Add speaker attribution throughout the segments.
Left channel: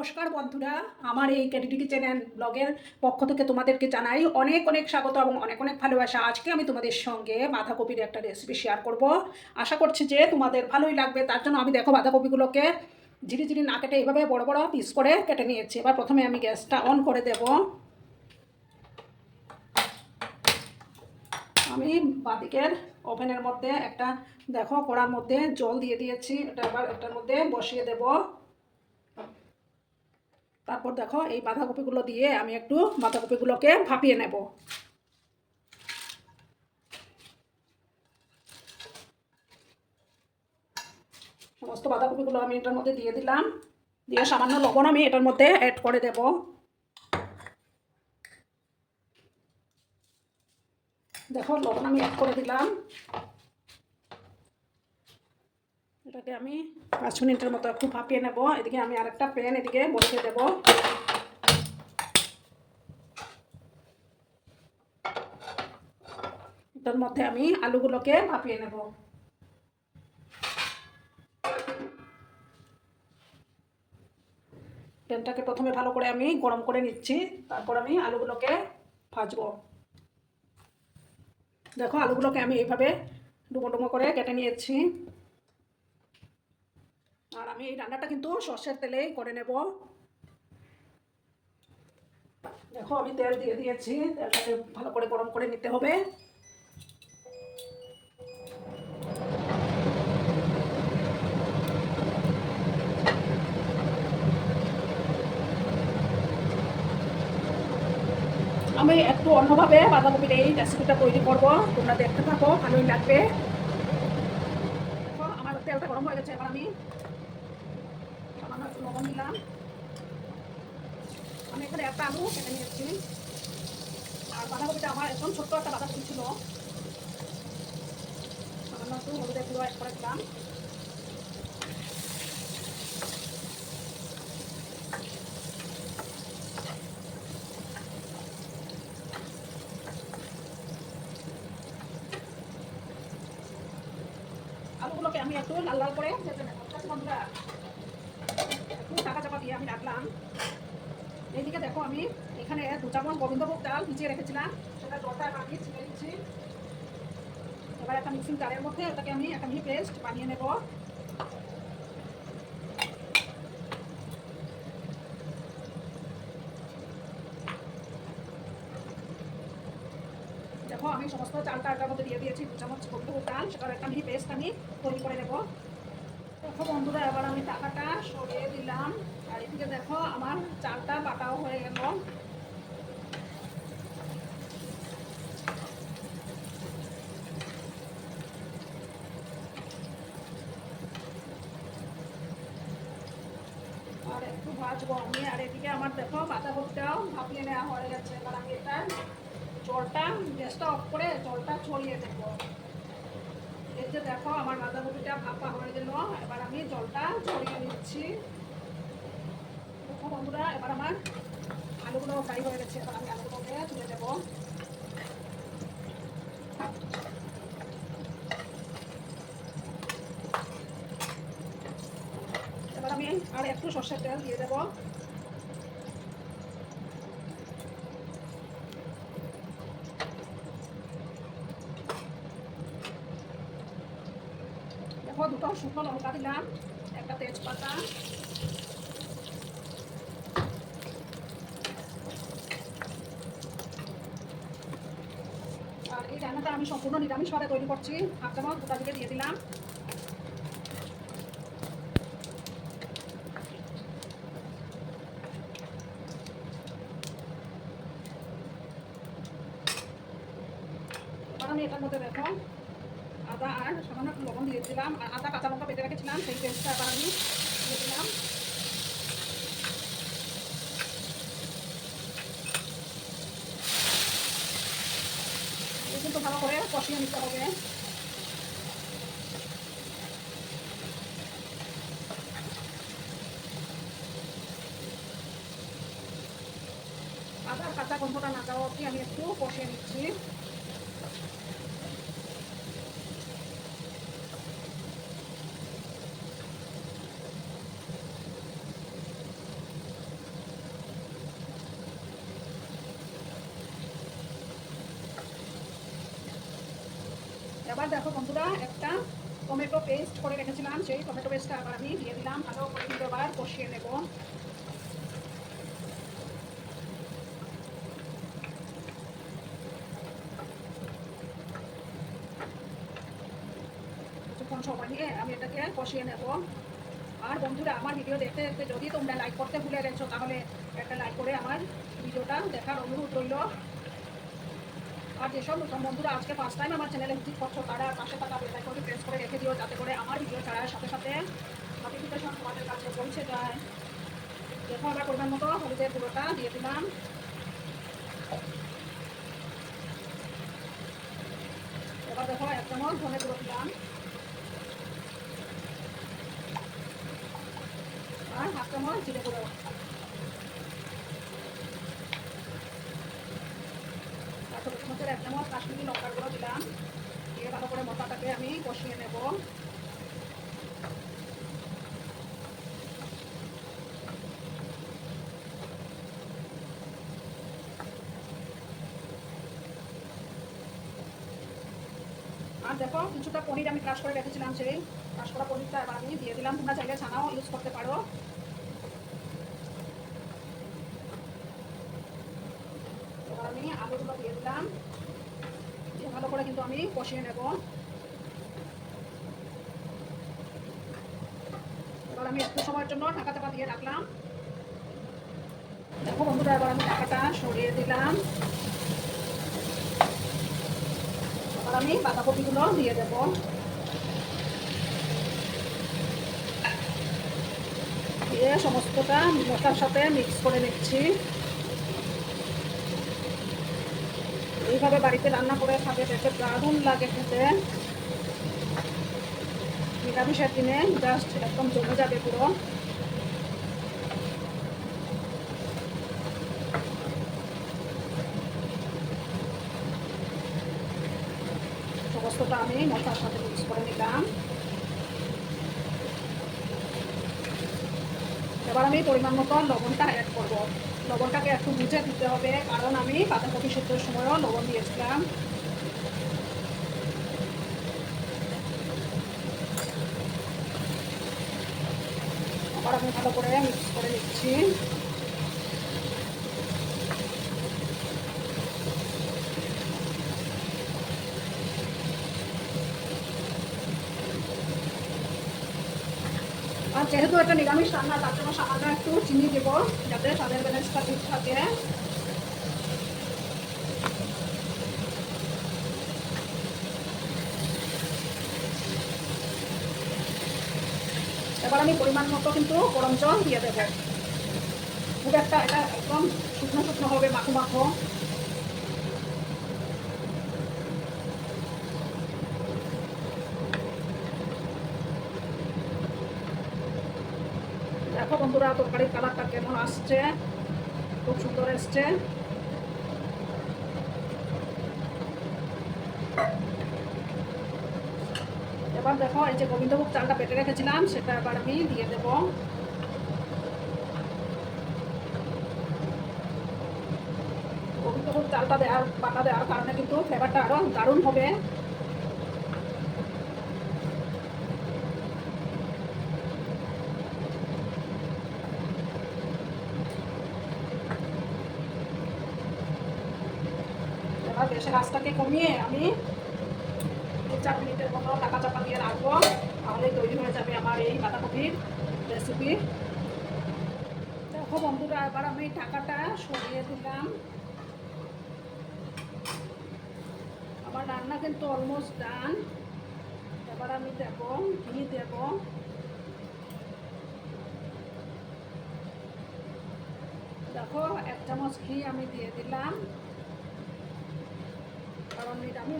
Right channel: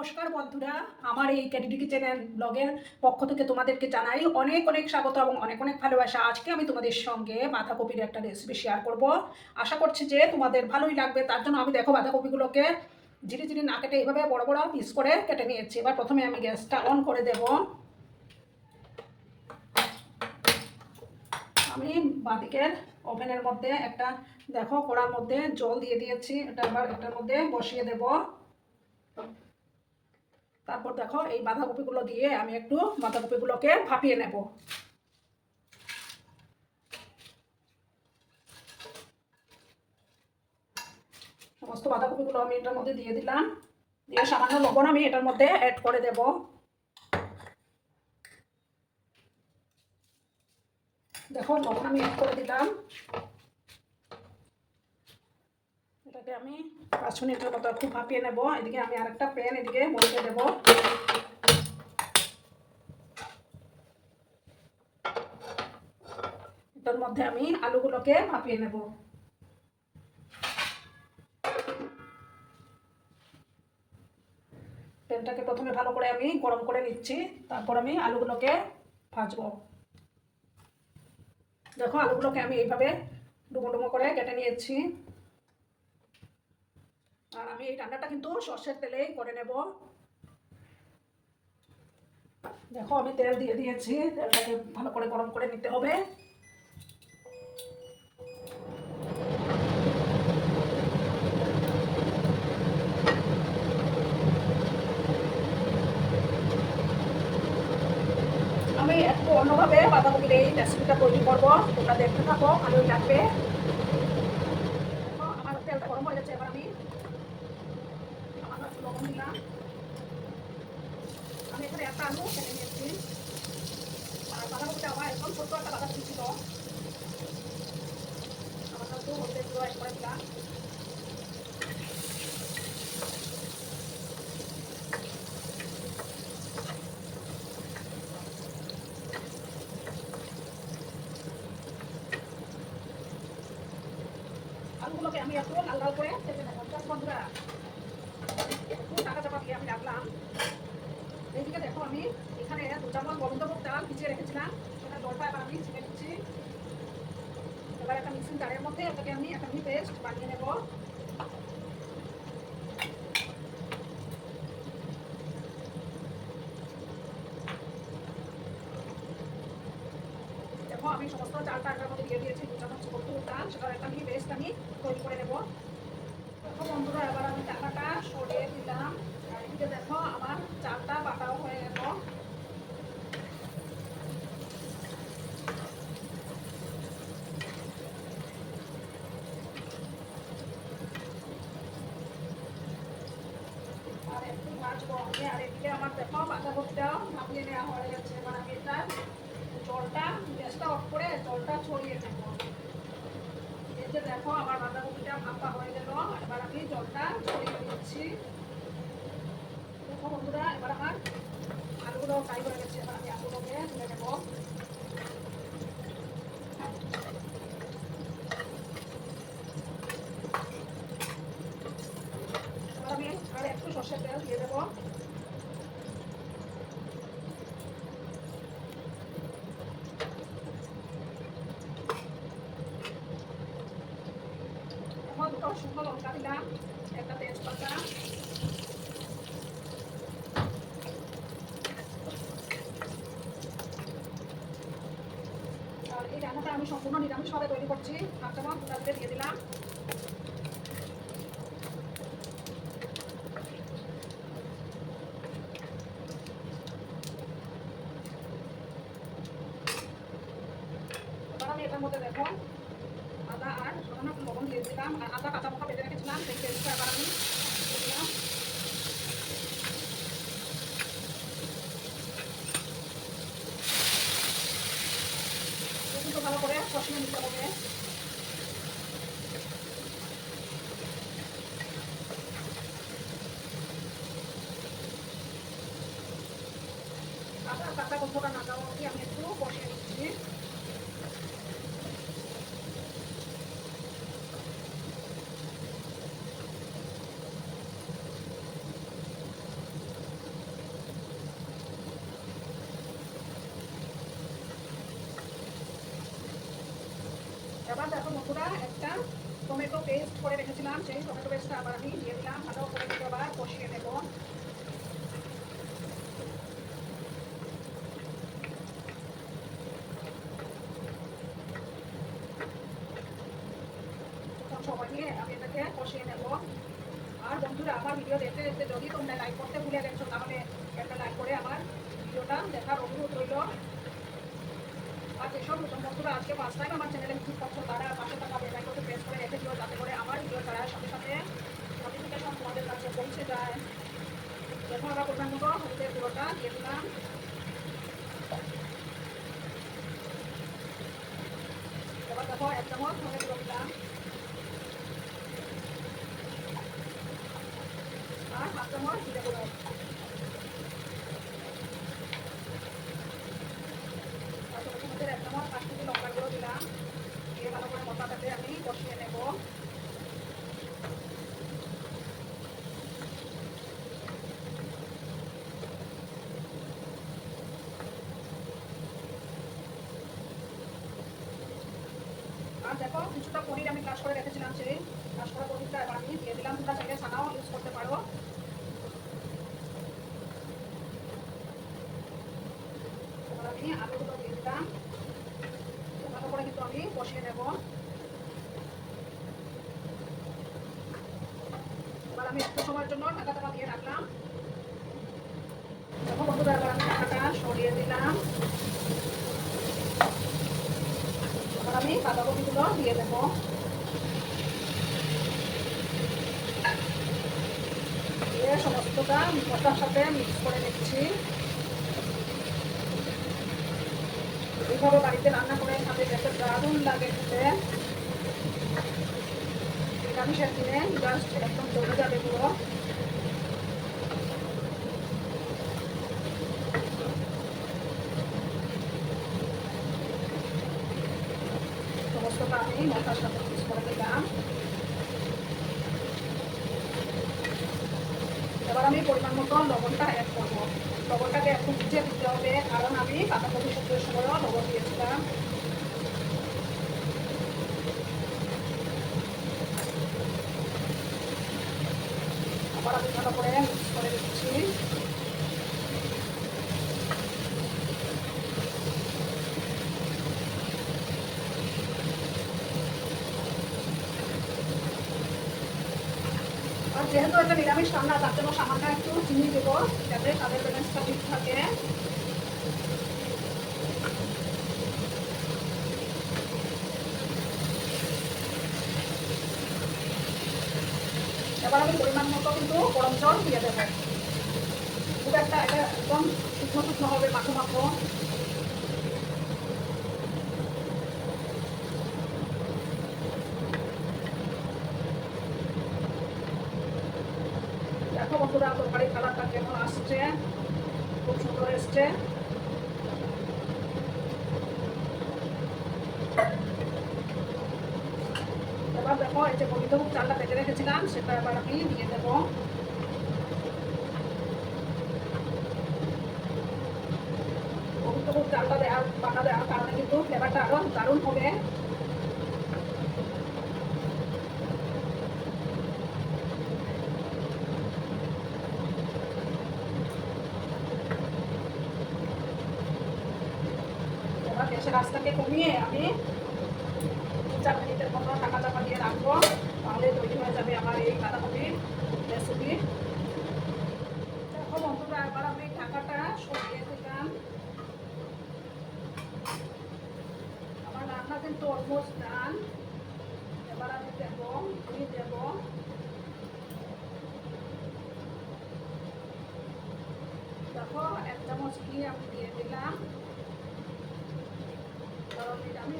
Speaker 1: নমস্কার বন্ধুরা, আমার এই ক্যাডিডিটি চ্যানেল ব্লগের পক্ষ থেকে তোমাদেরকে জানাই অনেক অনেক স্বাগত এবং অনেক অনেক ভালোবাসা। আজকে আমি তোমাদের সঙ্গে বাঁধাকপির একটা রেসিপি শেয়ার করব। আশা করছি যে তোমাদের ভালোই লাগবে। তার জন্য আমি দেখো বাঁধাকপিগুলোকে ঝিরি ঝিরি না কেটে এইভাবে বড় বড় পিস করে কেটে নিয়েছি। এবার প্রথমে আমি গ্যাসটা অন করে দেব। আমি বাদিকের ওভেনের মধ্যে একটা, দেখো কড়ার মধ্যে জল দিয়ে দিয়েছি। এটা এবার এটার মধ্যে বসিয়ে দেবো। তারপর দেখো, এই বাঁধাকপিগুলো দিয়ে আমি একটু বাঁধাকপিগুলোকে ভাপিয়ে নেব। সমস্ত বাঁধাকপিগুলো আমি এটার মধ্যে দিয়ে দিলাম। দিয়ে সামান্য লবণ আমি এটার মধ্যে অ্যাড করে দেব। দেখো, লবণ আমি অ্যাড করে দিলাম। এটাকে আমি পাঁচ মিনিটের মতো একটু ভাপিয়ে নেব। এদিকে আমি আরেকটা প্যান এদিকে বসিয়ে দেব। এটার মধ্যে আমি আলুগুলোকে ভাপিয়ে নেব। প্যানটাকে প্রথমে ভালো করে আমি গরম করে নিচ্ছি, তারপর আমি আলুগুলোকে ভাজবো। দেখো, আলুগুলোকে আমি এইভাবে ডুমো ডুমো করে কেটে নিয়েছি। আর আমি এই রান্নাটা কিন্তু সর্ষের তেলেই করে নেব। দেখো, আমি তেল দিয়ে দিয়েছি। তেলটাকে ভালো করে গরম করে নিতে হবে। আমি একটু অন্যভাবে বাঁধাকপির এই রেসিপিটা তৈরি করব। তোমরা দেখতে থাকো, ভালোই লাগবে দেখো, আমার তেলটা গরম হয়ে গেছে এবার আমি সামান্য একটু লবণ দিলাম আমি এখানে একটা আলু কেটে নিয়েছি আর বাঁধাকপিটা আমার একদম ছোট্ট একটা বাঁধাকপি ছিল। সামান্য একটু হলুদের গুঁড়ো অ্যাড করে দিলাম আলুগুলোকে আমি একটু লাল লাল করে বন্ধুরা একটু চাকা চাপা দিয়ে আমি রাখলাম। এইদিকে দেখো আমি এখানে দু চামচ গোবিন্দভোগ চাল ভিজিয়ে রেখেছিলাম। সেটা জলটা আমি দিচ্ছি। এবার একটা মিক্সিং জারের মধ্যে ওটাকে আমি একটা মিহি পেস্ট বানিয়ে নেব। দেখো, আমি সমস্ত চালটা মধ্যে দিয়ে দিয়েছি সেটার একটা মিহি পেস্ট আমি করে নেব। বন্ধুরা, এবার আমি টাকাটা সরিয়ে দিলাম। দেখো আমার চালটা পাটাও হয়ে গেল আর একটু ভাজবো আমি আর এদিকে আমার দেখো বাঁধাকপিটাও ভাপিয়ে নেওয়া হয়ে গেছে এবার আমি এটা জলটা গ্যাসটা অফ করে জলটা ছড়িয়ে দেবো এই যে দেখো আমার বাঁধাকপিটা ভাপা হয়ে গেল এবার আমি জলটা ছড়িয়ে দিচ্ছি বন্ধুরা, এবার আমার আলুগুলো ফ্রাই হয়ে গেছে, এবার আমি আলুগুলোকে তুলে দেবো এবার আমি আর একটু সর্ষের তেল দিয়ে দেবো দেখো দুটো শুকনো লঙ্কা দিলাম একটা তেজপাতা আর এই রান্নাটা আমি সম্পূর্ণ নিরামিষভাবে তৈরি করছি। হাফ চামচ গোটা দিয়ে দিলাম। আমি এটার মধ্যে দেখো, আদা আর সামান্য লবণ দিয়ে দিলাম। আর আদা কাঁচা লঙ্কা বেটে রেখেছিলাম, সেই পেস্টটা আমি দিয়ে দিলাম। গন্ধটা না যাওয়া কি আমি একটু কষে নিচ্ছি। এবার দেখো বন্ধুরা, একটা টমেটো পেস্ট করে রেখেছিলাম, সেই টমেটো পেস্টটা আবার আমি দিয়ে দিলাম। ভালো করে আবার কষিয়ে নেব। সময় নিয়ে আমি এটাকে কষিয়ে নেব। আর বন্ধুরা, আমার ভিডিও দেখতে দেখতে যদি তোমরা লাইক করতে ভুলে গেছো, তাহলে একটা লাইক করে আমার ভিডিওটা দেখার অনুরোধ রইল। আর যেসব বন্ধুরা আজকে ফার্স্ট টাইম আমার চ্যানেলে ভিজিট করছ, তারা পাশে থাকা বেল আইকনটি প্রেস করে রেখে দিও, যাতে করে আমার ভিডিও ছাড়ার সাথে সাথে নোটিফিকেশন তোমাদের কাছে পৌঁছে যায়। দেখো আমরা পরিমাণ মতো হলুদের পুরোটা দিয়ে দিলাম এবার দেখো এক চামচ ধনে গুঁড়ো দিলাম আর হাফ চামচ জিরে গুঁড়ো আর ছোটো চামচের এক চামচ কাশ্মীরি লঙ্কার গুঁড়ো দিলাম দিয়ে ভালো করে মশলাটাকে আমি কষিয়ে নেব আর দেখো কিছুটা পনির আমি কাজ করে রেখেছিলাম সেই কাজ করা পনিরটা এবার আমি দিয়ে দিলাম। তোমরা চাইলে ছানাও ইউজ করতে পারো। আমি আলুগুলো দিয়ে দিলাম। ভালো করে কিন্তু আমি কষিয়ে নেব। এবার আমি একটু সময়ের জন্য ঢাকা চাপা দিয়ে রাখলাম। বন্ধুরা, এবার আমি ঢাকাটা সরিয়ে দিলাম এবার আমি বাঁধাকপিগুলো দিয়ে দেবো দিয়ে সমস্তটা মশলার সাথে মিক্স করে নিচ্ছি। এইভাবে বাড়িতে রান্না করে খাবে দেখে দারুণ লাগে খেতে। নিরামিষের দিনে জাস্ট এরকম জমে যাবে পুরো সমস্তটা আমি মশলার সাথে মিক্স করে নিলাম এবার আমি পরিমাণ মতো লবণটা অ্যাড করব। লবণটাকে একটু বুঝে দিতে হবে, কারণ আমি বাঁধাকপি শুকনোর সময়ও লবণ দিয়েছিলাম আবার আমি ভালো করে মিক্স করে নিচ্ছি আর যেহেতু এটা নিরামিষ রান্না, তার জন্য সামান্য একটু চিনি দেব যাতে স্বাদের ব্যালেন্সটা ঠিক থাকে। এবার আমি পরিমাণ মতো কিন্তু গরম জল দিয়ে দেবো। খুব একটা এটা একদম শুকনো শুকনো হবে মাখো মাখো দেখো বন্ধুরা তরকারির কালারটা কেমন আসছে? খুব সুন্দর এসছে। এবার দেখো, এই যে গোবিন্দভোগ চালটা পেটে রেখেছিলাম, সেটা এবার আমি দিয়ে দেব। গোবিন্দভোগ চালটা দেওয়ার পাকা দেওয়ার কারণে কিন্তু ফ্লেভারটা আরও দারুণ হবে। কমিয়ে আমি চার মিনিটের মতো টাকা চাপা দিয়ে রাখব। তাহলে তৈরি হয়ে যাবে আমার এই বাঁধাকপির রেসিপি দেখো বন্ধুরা, এবার আমি টাকাটা সরিয়ে দিলাম। আমার রান্না কিন্তু অলমোস্ট ডান এবার আমি দেব, ঘি দেব। দেখো, এক চামচ ঘি আমি দিয়ে দিলাম।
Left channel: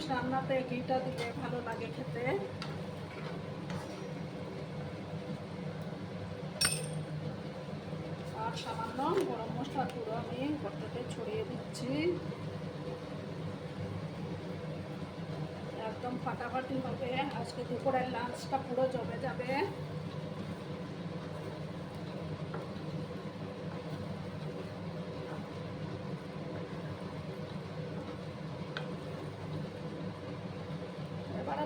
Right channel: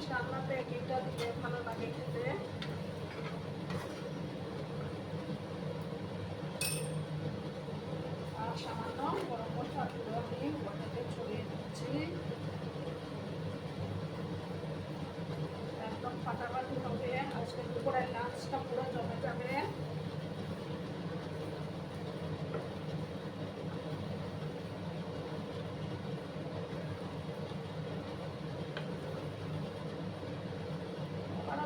Speaker 1: নিরামিষ রান্নাতে ঘিটা দিলে ভালো লাগে খেতে। আর সামান্য গরম মশলা গুঁড়ো আমি ঘরটাতে ছড়িয়ে দিচ্ছি। একদম ফাটাফাটি হবে। আজকে দুপুরের লাঞ্চটা পুরো জমে যাবে এবার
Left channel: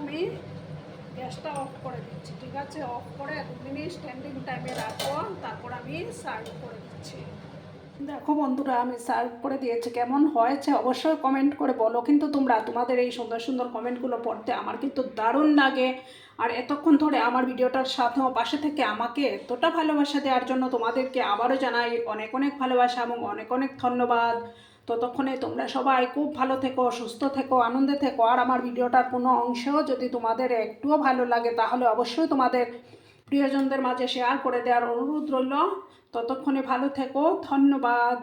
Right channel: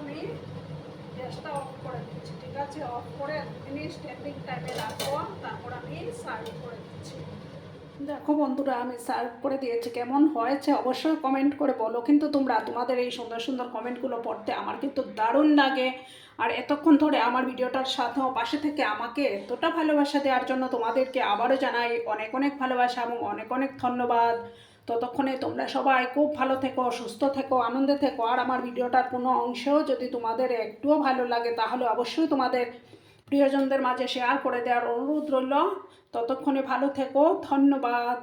Speaker 1: গ্যাসটা অফ করে দিচ্ছি। ঠিক আছে? অফ করে মিনিট স্ট্যান্ডিং টাইমে রাখব তারপর আমি সার্ভ করে দিচ্ছি। দেখো বন্ধুরা, আমি সার্ভ করে দিয়েছি। কেমন হয়েছে অবশ্যই কমেন্ট করে বলো। কিন্তু তোমরা তোমাদের এই সুন্দর সুন্দর কমেন্টগুলো পড়তে আমার কিন্তু দারুণ লাগে। আর এতক্ষণ ধরে আমার ভিডিওটার সাথেও পাশে থেকে আমাকে এতটা ভালোবাসা দেওয়ার জন্য তোমাদেরকে আবারও জানাই অনেক অনেক ভালোবাসা এবং অনেক অনেক ধন্যবাদ। ততক্ষণে তোমরা সবাই খুব ভালো থেকো, সুস্থ থেকো, আনন্দে থেকো। আর আমার ভিডিওটার কোনো অংশ যদি তোমাদের একটুও ভালো লাগে, তাহলে অবশ্যই তোমাদের প্রিয়জনদের মাঝে শেয়ার করে দেওয়ার অনুরোধ রইল। ততক্ষণে ভালো থেকো, ধন্যবাদ।